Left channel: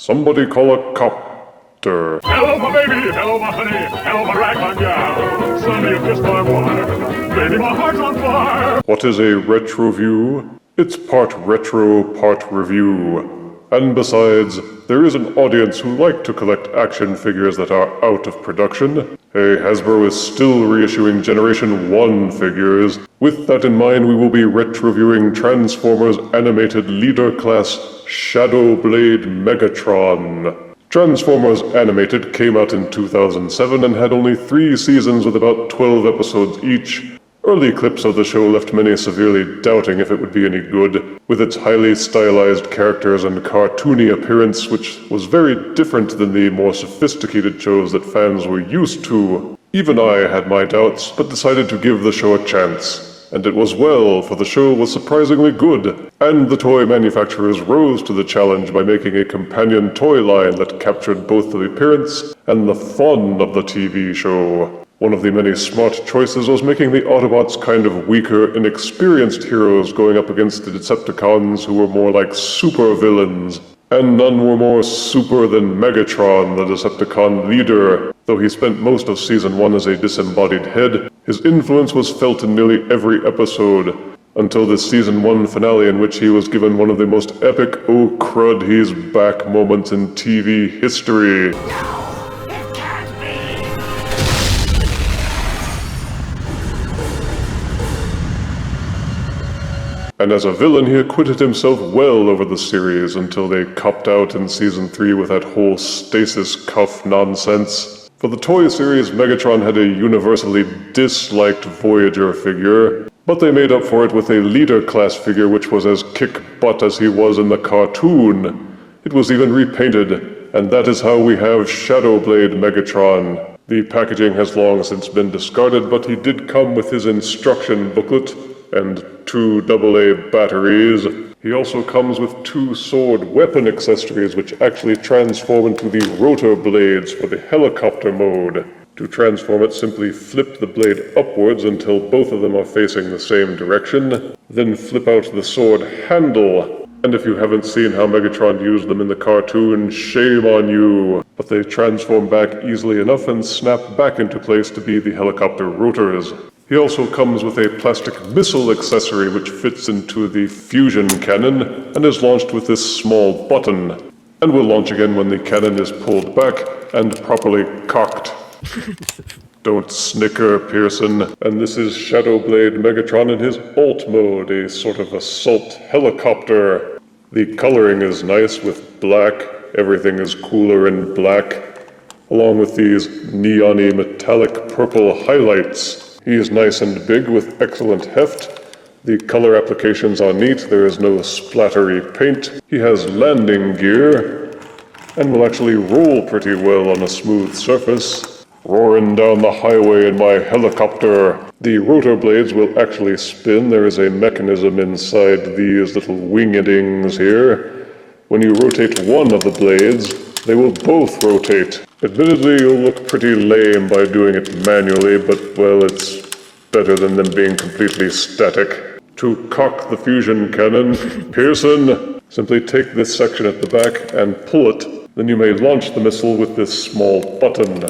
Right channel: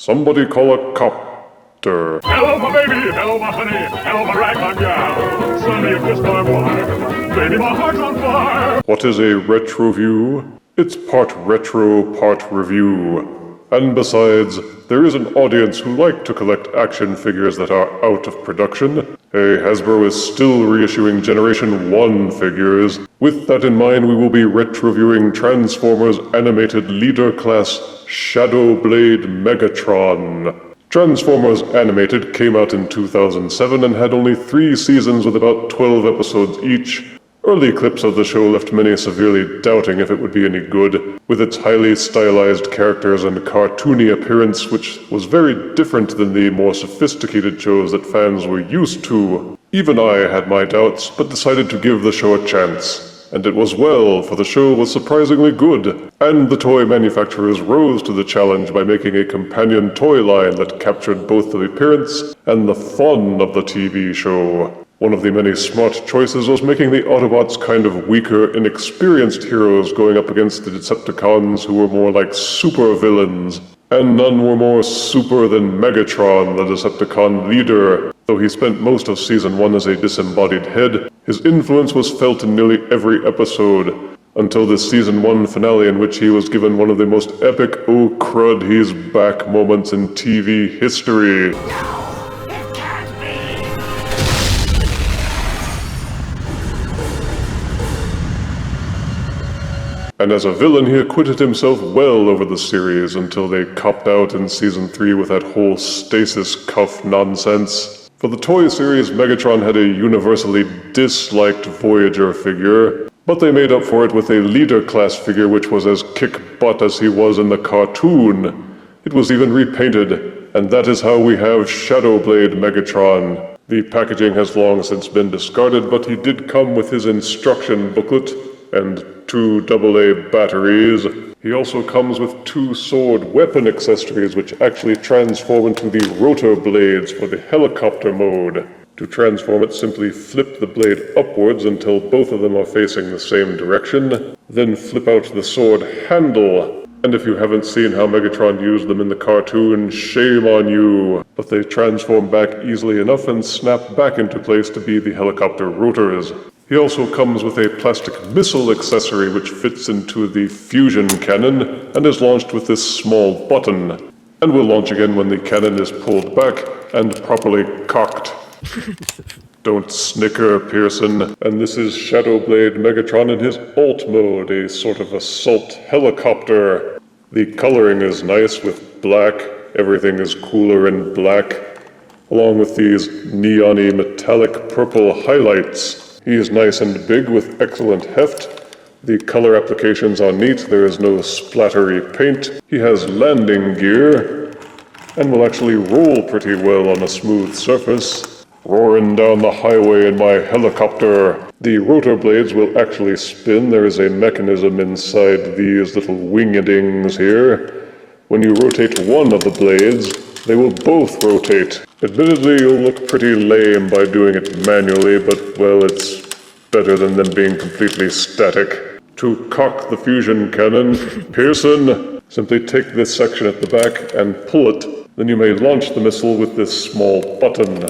Somebody call a copter. Hello, my baby. Hello, my honey. Hello, my ragtime gal. Sonny, you kissed my wife. Baby, my heart's on fire. What is a retroview? It's part retro, part review. And besides, there is an audience who like to collect action figures that are out of production. Hasbro is still reissuing Generation 1 figures. With that in mind, we will be retroviewing Transformers Animated Leader Class Shadowblade Megatron. Transformers Animated came out in 2007 and had only 3 seasons with about 12 episodes each. Early clips of the show left many severely doubting if it would be any good, with its highly stylized characters and cartoony appearance, which was very different than the more sophisticated shows that fans were used to. Even I had my doubts, but decided to give the show a chance. And it was well, for the show was surprisingly good, and the toy manufacturers rose to the challenge by making a companion toy line that captured both the appearance and the fun of the TV show. One of the many smart choices was making the Autobots kind of weaker, inexperienced heroes going up against the Decepticons who were more like super villains. And none were more super than Megatron, the Decepticon leader. Though he spent most of Season 1 as a disembodied head, his influence was felt in nearly every episode, until the Season 1 finale in which he was given one of the most epic "oh crud, he's back" moments in TV history. And as a villain, he acquitted himself well over the series until they copped out in Season 3 with that whole stasis cuff nonsense. For the toy series, Megatron had a universally disliked Voyager figure, but they made up for it with a leader class figure which was as kick-butt as he was in the cartoon. It was even repainted, and that is how we have Shadowblade Megatron. The packaging has long since been discarded, but he did come with his instruction booklet and 2 AA batteries. He also comes with 2 sword weapon accessories which actually transform into the rotor blades for the helicopter mode. To transform it, simply flip the blade upwards until both of them are facing the same direction, then flip out the sword handle. And if you haven't seen how Megatron used them in the cartoon, shame on you! But they transform back easily enough and snap back into place to be the helicopter rotors. He also comes with a plastic missile accessory which fits into the fusion cannon and is launched with this small button, and will launch again when the cannon is pulled back and properly cocked. Don't snicker, Pearson. And this is Shadowblade Megatron in his alt mode, a sort of assault helicopter. The coloring is nice with black, everything is cooler in black, along with these neon-y metallic purple highlights. He is nice and big with excellent heft. The color applications are neat, there is no splattery paint. He has landing gear, and will actually roll pretty well on a smooth surface. Roaring down the highway in my helicopter. The rotor blades will actually spin. There is a mechanism inside these little wingedings here. When you rotate one of the blades, they will both rotate. Admittedly, you'll look pretty lame by doing it manually, but, well, it's better than them being completely static. To cock the fusion cannon, Pearson, simply take this section at the back and pull it. Then you may launch the missile with this small button.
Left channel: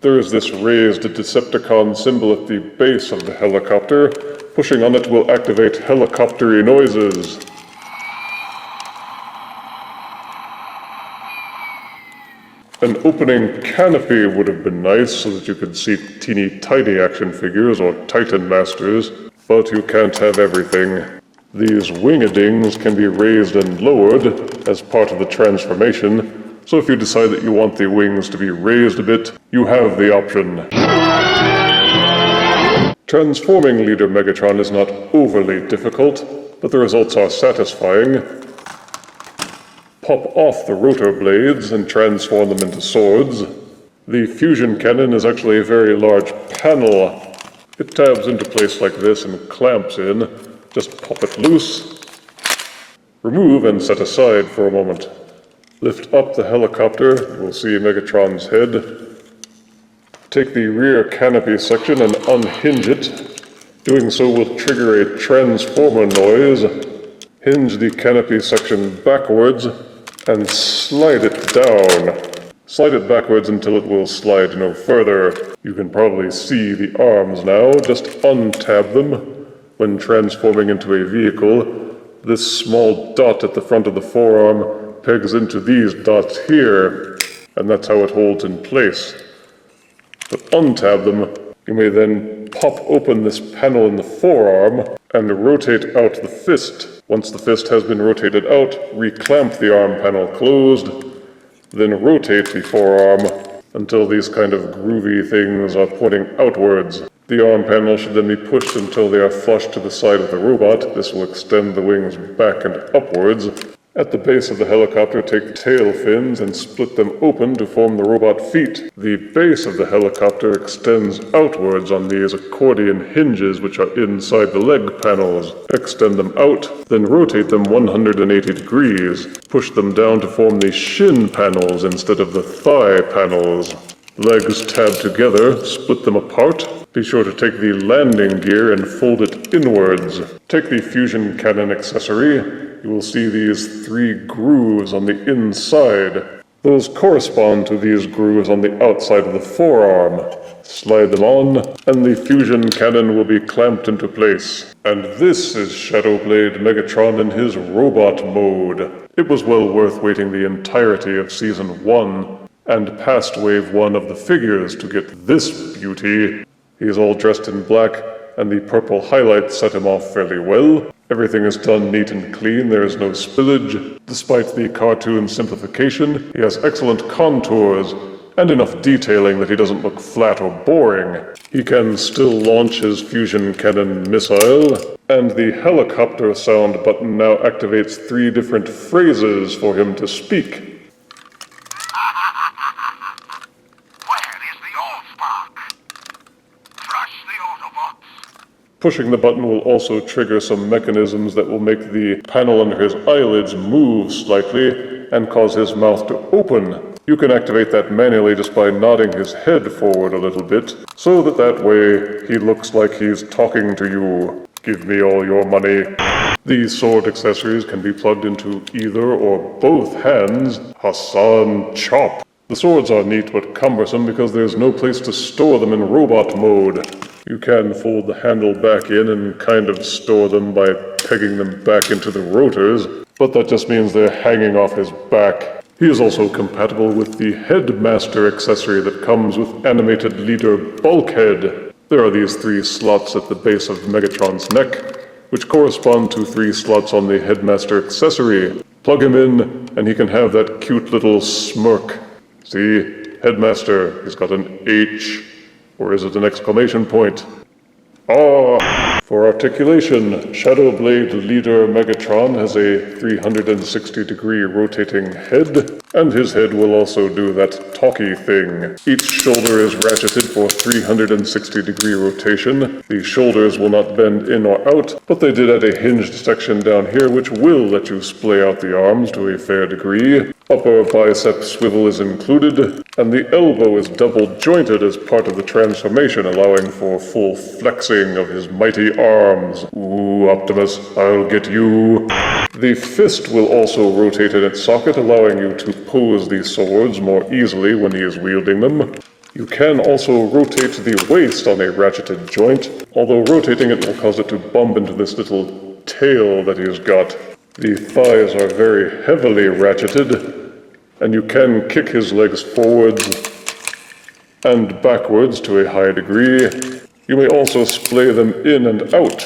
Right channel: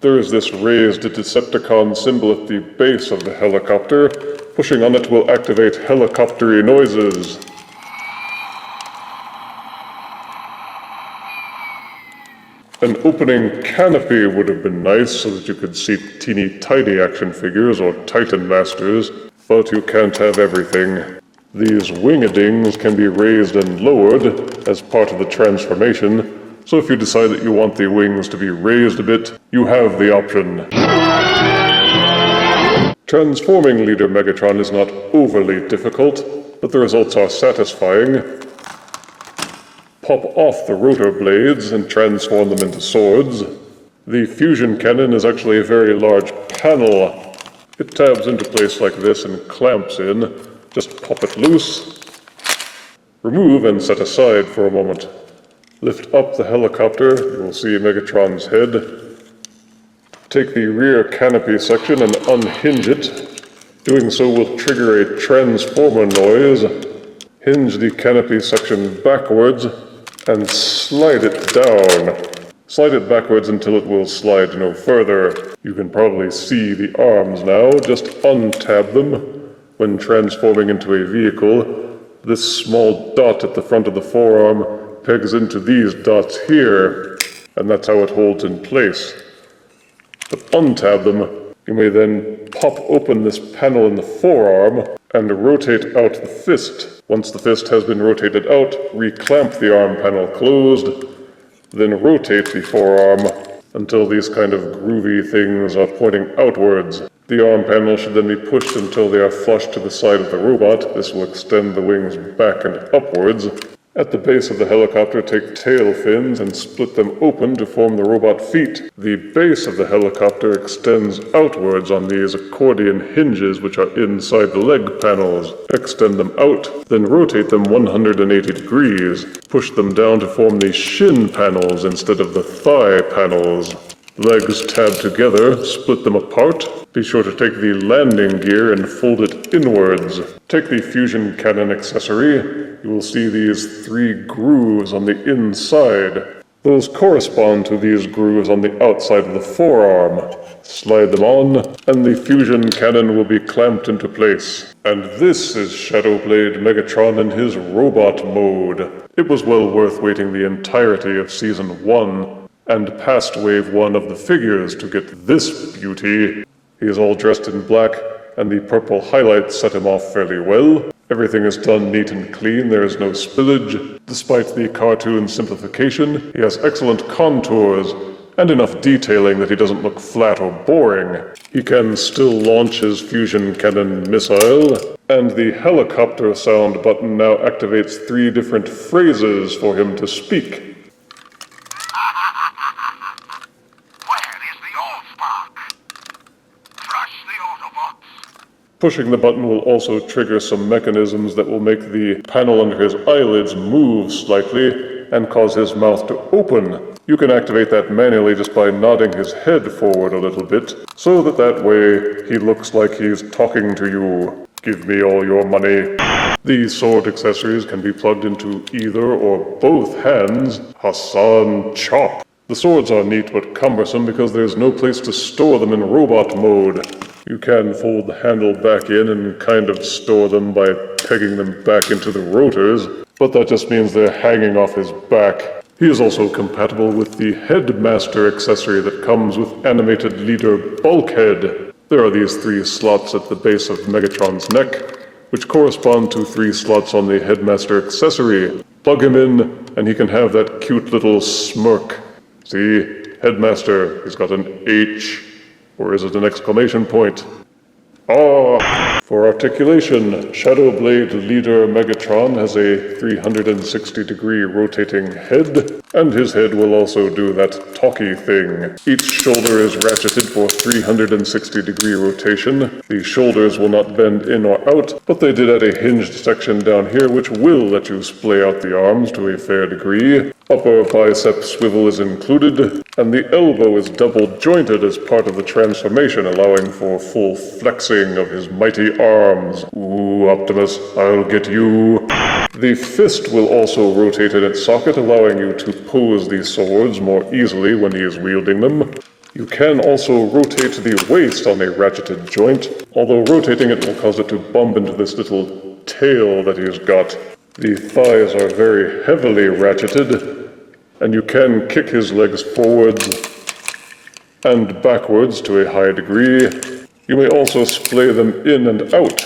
There is this raised Decepticon symbol at the base of the helicopter. Pushing on it will activate helicopter-y noises. An opening canopy would have been nice so that you could see teeny tiny action figures or Titan Masters, but you can't have everything. These wingedings can be raised and lowered as part of the transformation, so if you decide that you want the wings to be raised a bit, you have the option. Transforming Leader Megatron is not overly difficult, but the results are satisfying. Pop off the rotor blades and transform them into swords. The fusion cannon is actually a very large panel. It tabs into place like this and clamps in. Just pop it loose. Remove and set aside for a moment. Lift up the helicopter, you'll see Megatron's head. Take the rear canopy section and unhinge it. Doing so will trigger a transformer noise. Hinge the canopy section backwards and slide it down. Slide it backwards until it will slide no further. You can probably see the arms now. Just untab them. When transforming into a vehicle, this small dot at the front of the forearm pegs into these dots here, and that's how it holds in place. But untab them, you may then pop open this panel in the forearm and rotate out the fist. Once the fist has been rotated out, reclamp the arm panel closed, then rotate the forearm until these kind of groovy things are pointing outwards. The arm panel should then be pushed until they are flush to the side of the robot. This will extend the wings back and upwards. At the base of the helicopter, take tail fins and split them open to form the robot feet. The base of the helicopter extends outwards on these accordion hinges which are inside the leg panels. Extend them out, then rotate them 180 degrees. Push them down to form the shin panels instead of the thigh panels. Legs tab together, split them apart. Be sure to take the landing gear and fold it inwards. Take the fusion cannon accessory. You will see these 3 grooves on the inside. Those correspond to these grooves on the outside of the forearm. Slide them on, and the fusion cannon will be clamped into place. And this is Shadowblade Megatron in his robot mode. It was well worth waiting the entirety of Season 1 and past Wave 1 of the figures to get this beauty. He's all dressed in black, and the purple highlights set him off fairly well. Everything is done neat and clean, there is no spillage. Despite the cartoon simplification, he has excellent contours and enough detailing that he doesn't look flat or boring. He can still launch his fusion cannon missile, and the helicopter sound button now activates 3 different phrases for him to speak. Pushing the button will also trigger some mechanisms that will make the panel under his eyelids move slightly and cause his mouth to open. You can activate that manually just by nodding his head forward a little bit, so that way he looks like he's talking to you. Give me all your money. These sword accessories can be plugged into either or both hands. Hassan Chop. The swords are neat but cumbersome because there's no place to store them in robot mode. You can fold the handle back in and kind of store them by pegging them back into the rotors, but that just means they're hanging off his back. He is also compatible with the Headmaster accessory that comes with animated leader Bulkhead. There are these 3 slots at the base of Megatron's neck, which correspond to 3 slots on the Headmaster accessory. Plug him in, and he can have that cute little smirk. See? Headmaster, he's got an H. Or is it an exclamation point? Ah! For articulation, Shadowblade Leader Megatron has a 360-degree rotating head, and his head will also do that talky thing. Each shoulder is ratcheted for 360-degree rotation. The shoulders will not bend in or out, but they did add a hinged section down here which will let you splay out the arms to a fair degree. Upper bicep swivel is included, and the elbow is double jointed as part of the transformation, allowing for full flexing of his mighty arms. Ooh, Optimus, I'll get you. The fist will also rotate in its socket, allowing you to pose these swords more easily when he is wielding them. You can also rotate the waist on a ratcheted joint, although rotating it will cause it to bump into this little tail that he's got. The thighs are very heavily ratcheted, and you can kick his legs forwards and backwards to a high degree. You may also splay them in and out.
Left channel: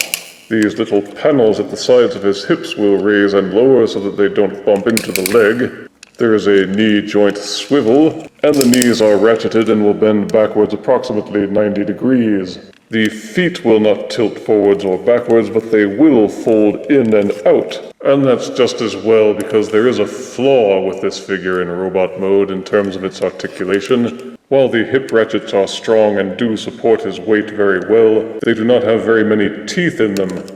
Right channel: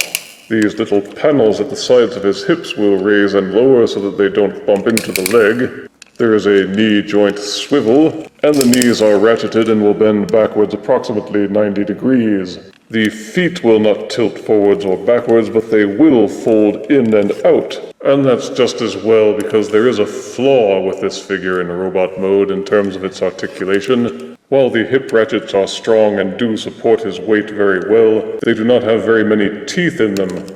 These little panels at the sides of his hips will raise and lower so that they don't bump into the leg. There is a knee joint swivel, and the knees are ratcheted and will bend backwards approximately 90 degrees. The feet will not tilt forwards or backwards, but they will fold in and out. And that's just as well because there is a flaw with this figure in robot mode in terms of its articulation. While the hip ratchets are strong and do support his weight very well, they do not have very many teeth in them,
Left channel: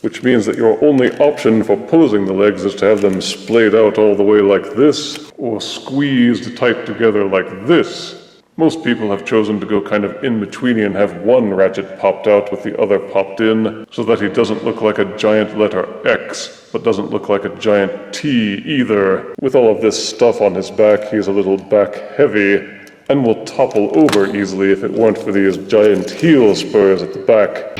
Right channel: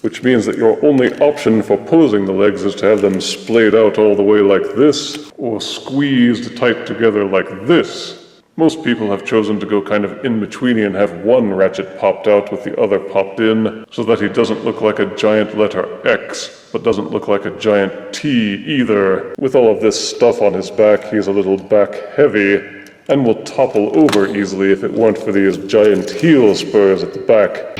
which means that your only option for posing the legs is to have them splayed out all the way like this, or squeezed tight together like this. Most people have chosen to go kind of in-betweeny and have one ratchet popped out with the other popped in, so that he doesn't look like a giant letter X, but doesn't look like a giant T either. With all of this stuff on his back, he's a little back heavy, and will topple over easily if it weren't for these giant heel spurs at the back.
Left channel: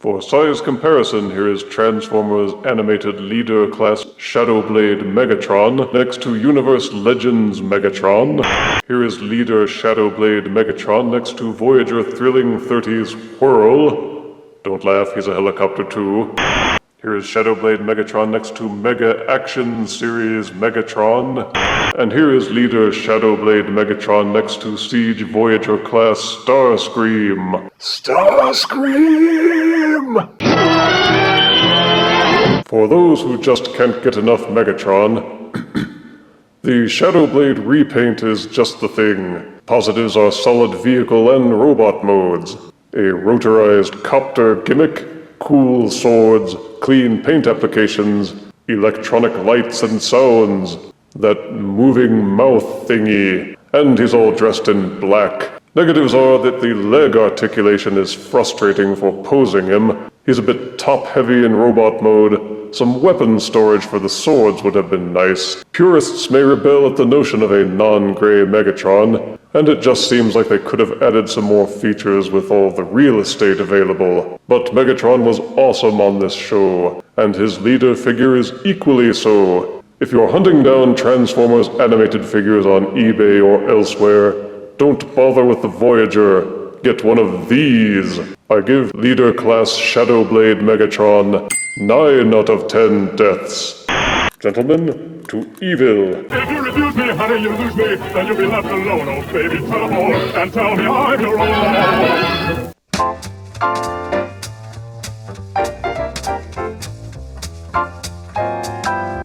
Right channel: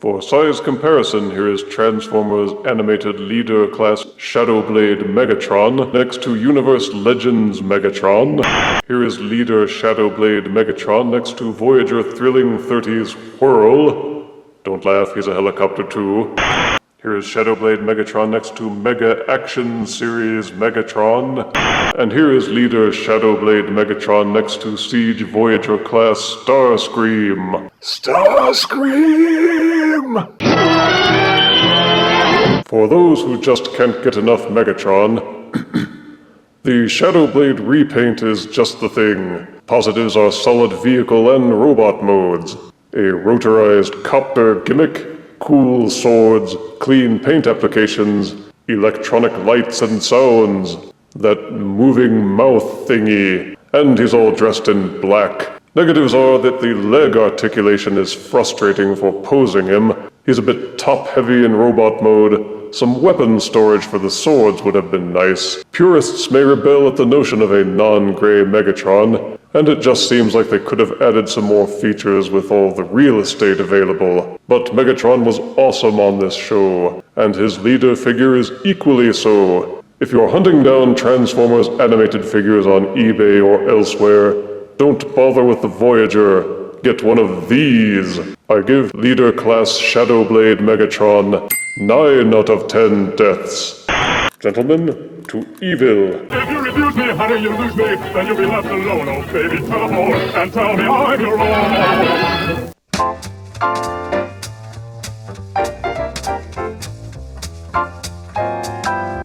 For size comparison, here is Transformers Animated Leader Class Shadowblade Megatron next to Universe Legends Megatron. Here is Leader Shadowblade Megatron next to Voyager Thrilling 30's Whirl. Don't laugh, he's a helicopter too. Here is Shadowblade Megatron next to Mega Action Series Megatron. And here is Leader Shadowblade Megatron next to Siege Voyager Class Starscream. Starscream! For those who just can't get enough Megatron, the Shadowblade repaint is just the thing. Positives are solid vehicle and robot modes. A rotorized copter gimmick, cool swords, clean paint applications, electronic lights and sounds, that moving mouth thingy, and he's all dressed in black. Negatives are that the leg articulation is frustrating for posing him. He's a bit top-heavy in robot mode. Some weapon storage for the swords would have been nice. Purists may rebel at the notion of a non-gray Megatron, and it just seems like they could have added some more features with all the real estate available. But Megatron was awesome on this show, and his leader figure is equally so. If you're hunting down Transformers animated figures on eBay or elsewhere, don't bother with the Voyager. Get one of these. I give Leader Class Shadowblade Megatron 9 out of 10 deaths. Gentlemen, to evil. If you refuse me, honey, you lose me. Then you'll be left alone, oh baby. Tell them all and tell me I'm your own.